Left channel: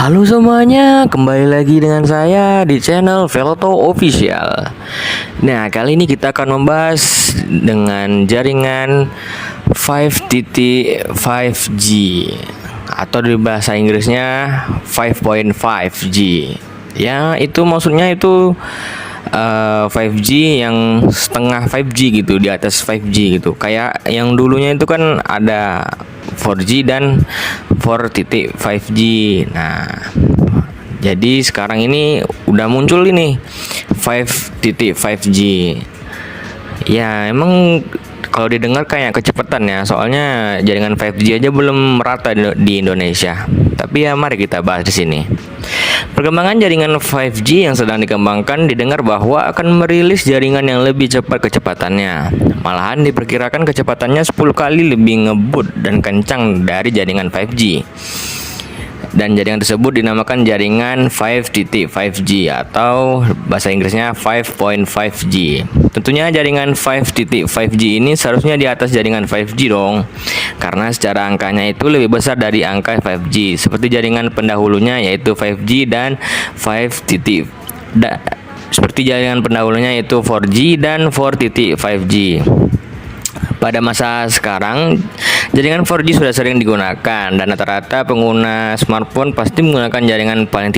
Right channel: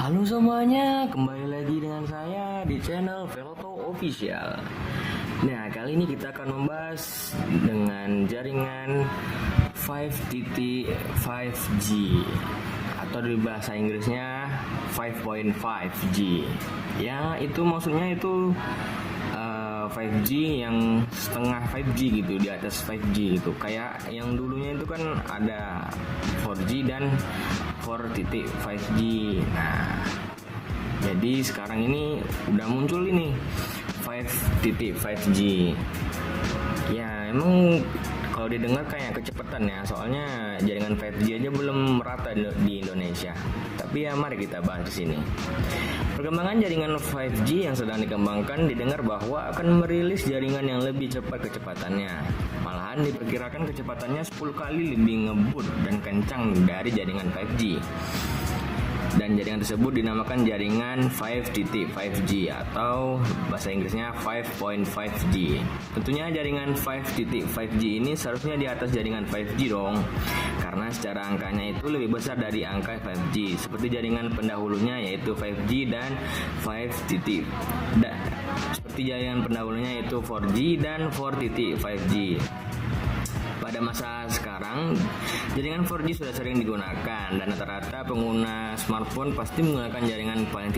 Halo semuanya, kembali lagi dengan saya di channel Veloto Official. Nah, kali ini kita akan membahas dengan jaringan 5.5G atau di bahasa Inggrisnya 5.5G. Ya, itu maksudnya itu 5G yang setengah 5G gitu, di atas 5G gitu. Kayak yang dulunya itu kan ada 4G dan 4.5G. Nah, jadi sekarang ini udah muncul ini 5.5G. Ya, emang kalau didengar kayak kecepatan ya, soalnya jaringan 5G aja belum merata di Indonesia. Tapi ya mari kita bahas di sini. Perkembangan jaringan 5G yang sedang dikembangkan didengar bahwa akan merilis jaringan yang lebih cepat kecepatannya. Malahan diperkirakan kecepatannya 10 kali lebih ngebut dan kencang dari jaringan 5G. Dan jaringan tersebut dinamakan jaringan 5.5G atau bahasa Inggrisnya 5.5G. Tentunya jaringan 5.5G ini seharusnya di atas jaringan 5G dong, karena secara angkanya itu lebih besar dari angka 5G, seperti jaringan pendahulunya yaitu 5G dan 5. Seperti jaringan pendahulunya yaitu 4G dan 4.5G. Pada masa sekarang, jaringan 4G sudah sering digunakan dan rata-rata pengguna smartphone pasti menggunakan jaringan paling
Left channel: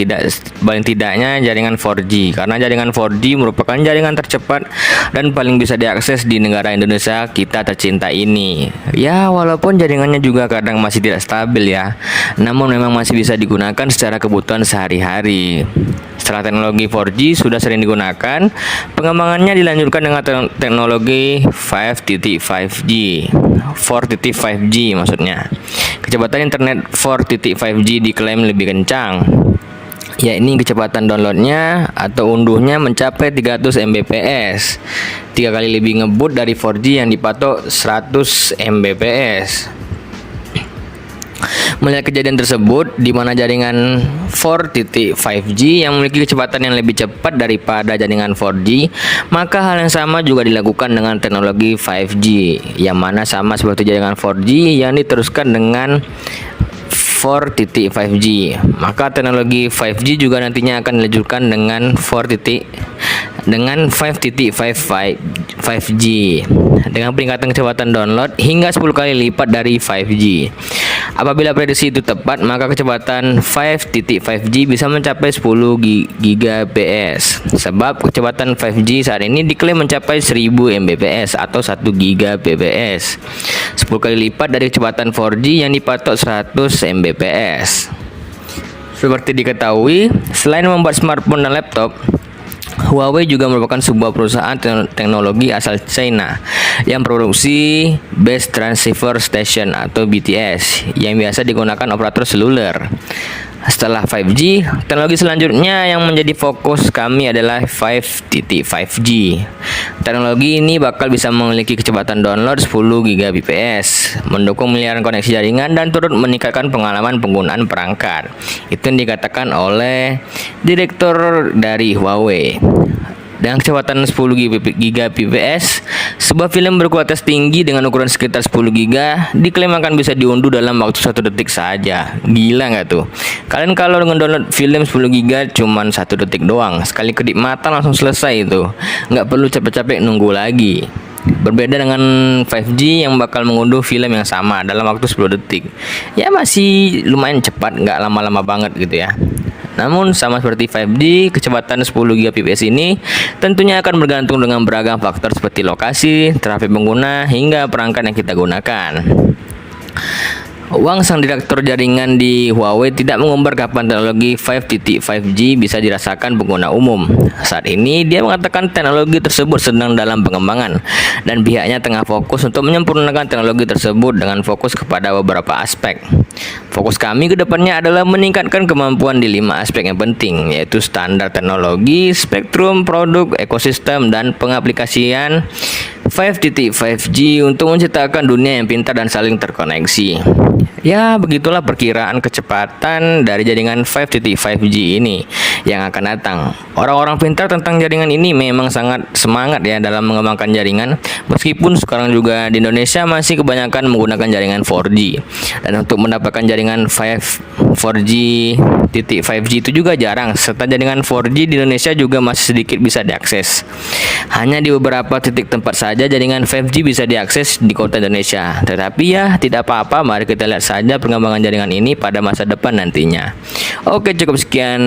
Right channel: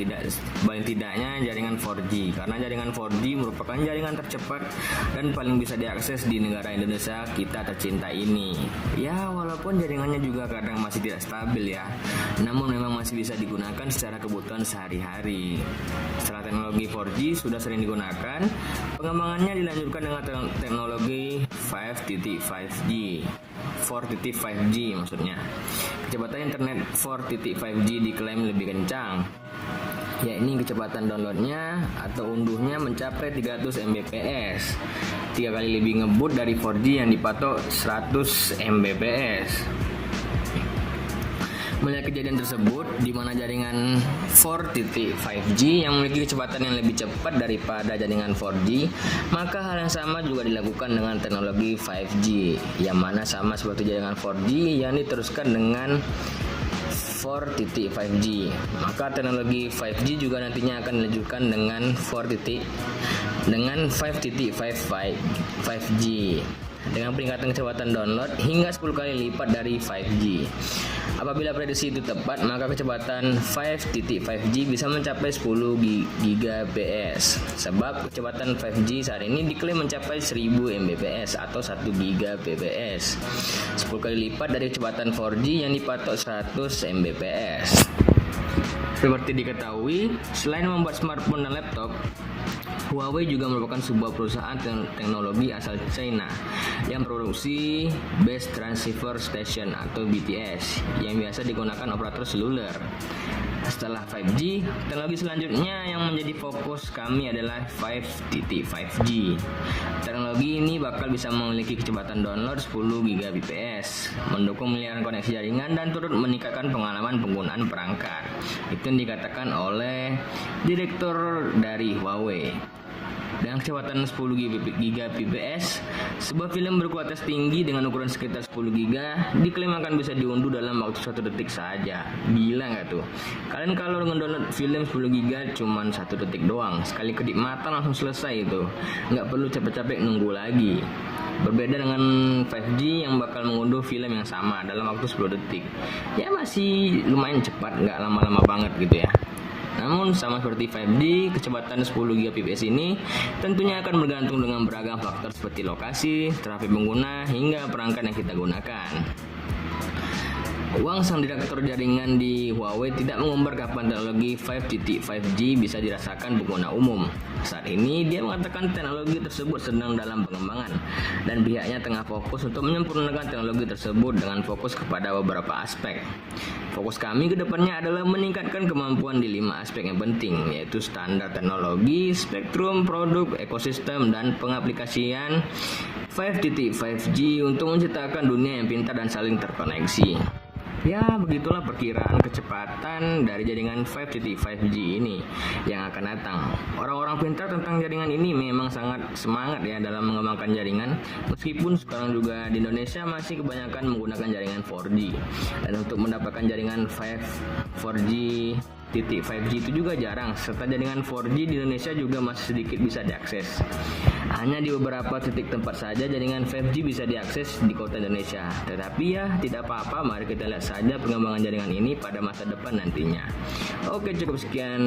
tidaknya jaringan 4G, karena jaringan 4G merupakan jaringan tercepat dan paling bisa diakses di negara Indonesia kita tercinta ini. Ya, walaupun jaringannya juga kadang masih tidak stabil ya, namun memang masih bisa digunakan secara kebutuhan sehari-hari. Setelah teknologi 4G sudah sering digunakan, pengembangannya dilanjutkan dengan teknologi 4.5G maksudnya. Kecepatan internet 4.5G diklaim lebih kencang, yakni kecepatan downloadnya atau unduhnya mencapai 300 Mbps, 3 kali lebih ngebut dari 4G yang dipatok 100 Mbps. Melihat kejadian tersebut, di mana jaringan 4.5G yang memiliki kecepatan yang lebih cepat daripada jaringan 4G, maka hal yang sama juga dilakukan dengan teknologi 5G, yang mana sama seperti jaringan 4G yang diteruskan dengan 4.5G. Maka teknologi 5G juga nantinya akan dilanjutkan dengan 5.5G dengan peningkatan kecepatan download hingga 10 kali lipat dari 5G. Apabila prediksi itu tepat, maka kecepatan 5.5G bisa mencapai 10 Gbps. Sebab kecepatan 5G saat ini diklaim mencapai 1000 Mbps atau 1 Gbps, 10 kali lipat dari kecepatan 4G yang dipatok 100 Mbps. Seperti diketahui, selain membuat smartphone dan laptop, Huawei juga merupakan sebuah perusahaan teknologi asal China yang produksi Base Transceiver Station atau BTS yang biasa digunakan operator seluler. Setelah 5G, teknologi selanjutnya yang menjadi fokus kami adalah 5.5G. Teknologi ini bakal bisa memiliki kecepatan download 10 Gbps, mendukung miliaran koneksi jaringan dan turut meningkatkan pengalaman penggunaan perangkat. Itu yang dikatakan oleh direktur dari Huawei. Dengan kecepatan 10 Gbps, sebuah film berkualitas tinggi dengan ukuran sekitar 10 GB diklaim akan bisa diunduh dalam waktu 1 detik saja. Gila nggak tuh? Kalian kalau download film 10 GB cuman 1 detik doang, sekali kedip mata langsung selesai itu. Nggak perlu capek-capek nunggu lagi. Berbeda dengan 5G yang bakal mengunduh film yang sama dalam waktu 10 detik. Ya masih lumayan cepat, nggak lama-lama banget gitu ya. Namun sama seperti 5G, kecepatan 10 Gbps ini tentunya akan bergantung dengan beragam faktor seperti lokasi, trafik pengguna, hingga perangkat yang kita gunakan. Wang, sang direktur jaringan di Huawei, tidak mengumbar kapan teknologi 5.5G bisa dirasakan pengguna umum. Saat ini dia mengatakan teknologi tersebut sedang dalam pengembangan dan pihaknya tengah fokus untuk menyempurnakan teknologi tersebut dengan fokus kepada beberapa aspek. Fokus kami ke depannya adalah meningkatkan kemampuan di 5 aspek yang penting, yaitu standar teknologi, spektrum, produk, ekosistem, dan pengaplikasian 5.5G untuk menciptakan dunia yang pintar dan saling terkoneksi. Ya, begitulah perkiraan kecepatan dari jaringan 5.5G ini yang akan datang. Orang-orang pintar tentang jaringan ini memang sangat semangat ya dalam mengembangkan jaringan, meskipun sekarang juga di Indonesia masih kebanyakan menggunakan jaringan 4G. Dan untuk mendapatkan jaringan 4G titik 5G itu juga jarang, serta jaringan 4G di Indonesia juga masih sedikit bisa diakses. Hanya di beberapa titik tempat saja jaringan 5G bisa diakses di kota Indonesia. Tetapi ya, tidak apa-apa, mari kita lihat saja perkembangan jaringan ini pada masa depan nantinya. Oke, cukup sekian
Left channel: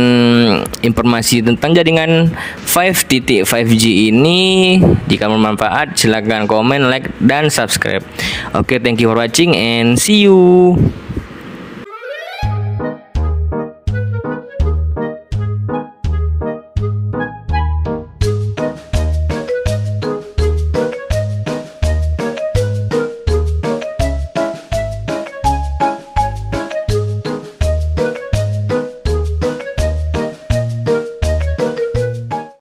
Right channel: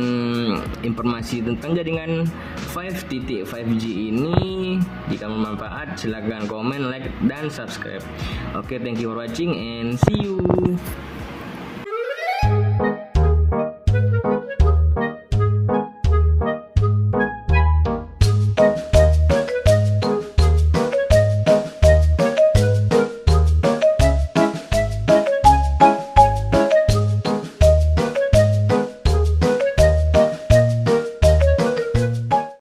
informasi tentang jaringan 5.5G ini. Jika bermanfaat, silahkan komen, like, dan subscribe. Oke, thank you for watching and see you.